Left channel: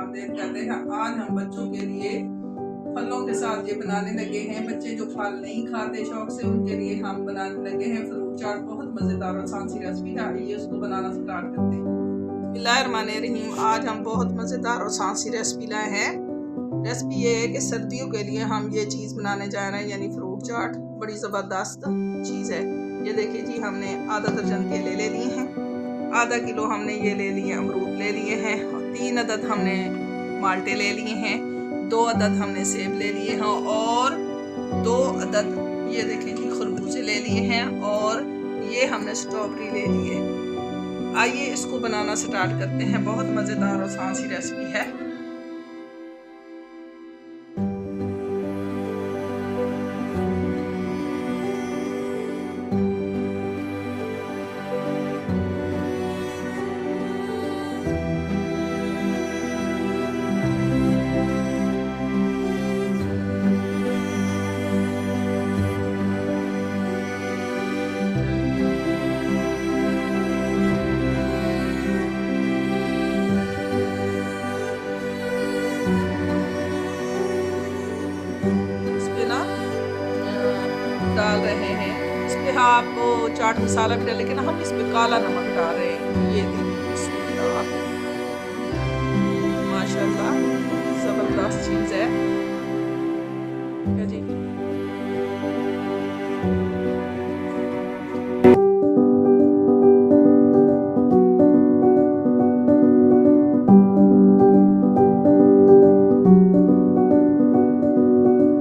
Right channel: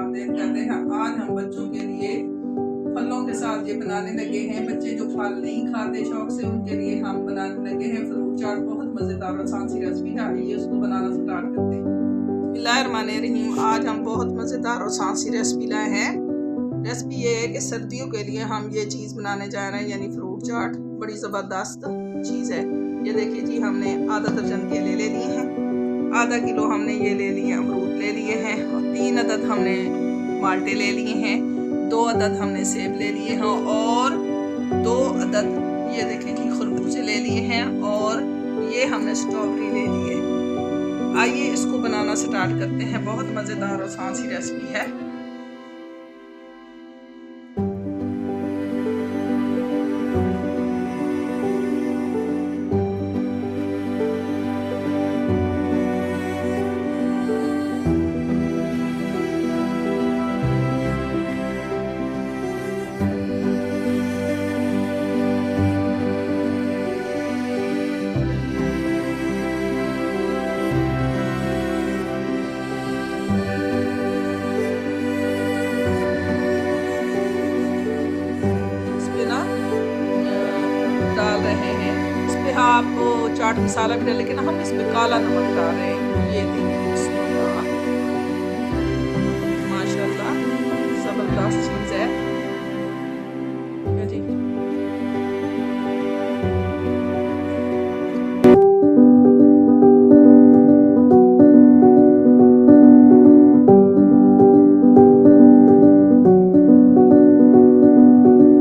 आमदीद करते हैं। आज हम बच्चों के लिए फलों के साथ ये बनाने लगे हैं। बच्चे जो फल नहीं खाते शौक से, उनके लिए हम बनाने लगे हैं फ्रूट चाट। बहुत मज़ेदार और आसान सी रेसिपी है। आइए उसको बनाना स्टार्ट करते हैं। बिस्मिल्लाहिर्रहमानिर्रहीम। आज हम बहुत मज़ेदार और आसान सी रेसिपी लाए हैं। रेसिपी ये है कि सर्दियों के लिए हम ये चीज़ बनाने जा रहे हैं, यानी फ्रूट चाट। बड़ी ज़बरदस्त चीज़ है। ये देखिए जी, हमने आधा दर्जन केले ले लिए हैं, आधा किलो हमने ये ले लिए अमरूद ले लिए हैं, और 3 अदद हमने माल्टे ले लिए हैं, 2 अदद हमने सेब ले लिए हैं, और 2 अदद ये देखें जी खरबूजे ले लिए हैं, और ये हमने स्ट्रॉबेरी ले लिए। आइए इसको बनाना स्टार्ट करते हैं। बहुत मज़ेदार और आसान सी रेसिपी है। डाल रहे हैं इस पे आप चाट मसाला भी डालें, लेकिन हम इस पे काला नमक डाल रहे हैं। ये देखिए माशाल्लाह ज़बरदस्त चीज़ है जी।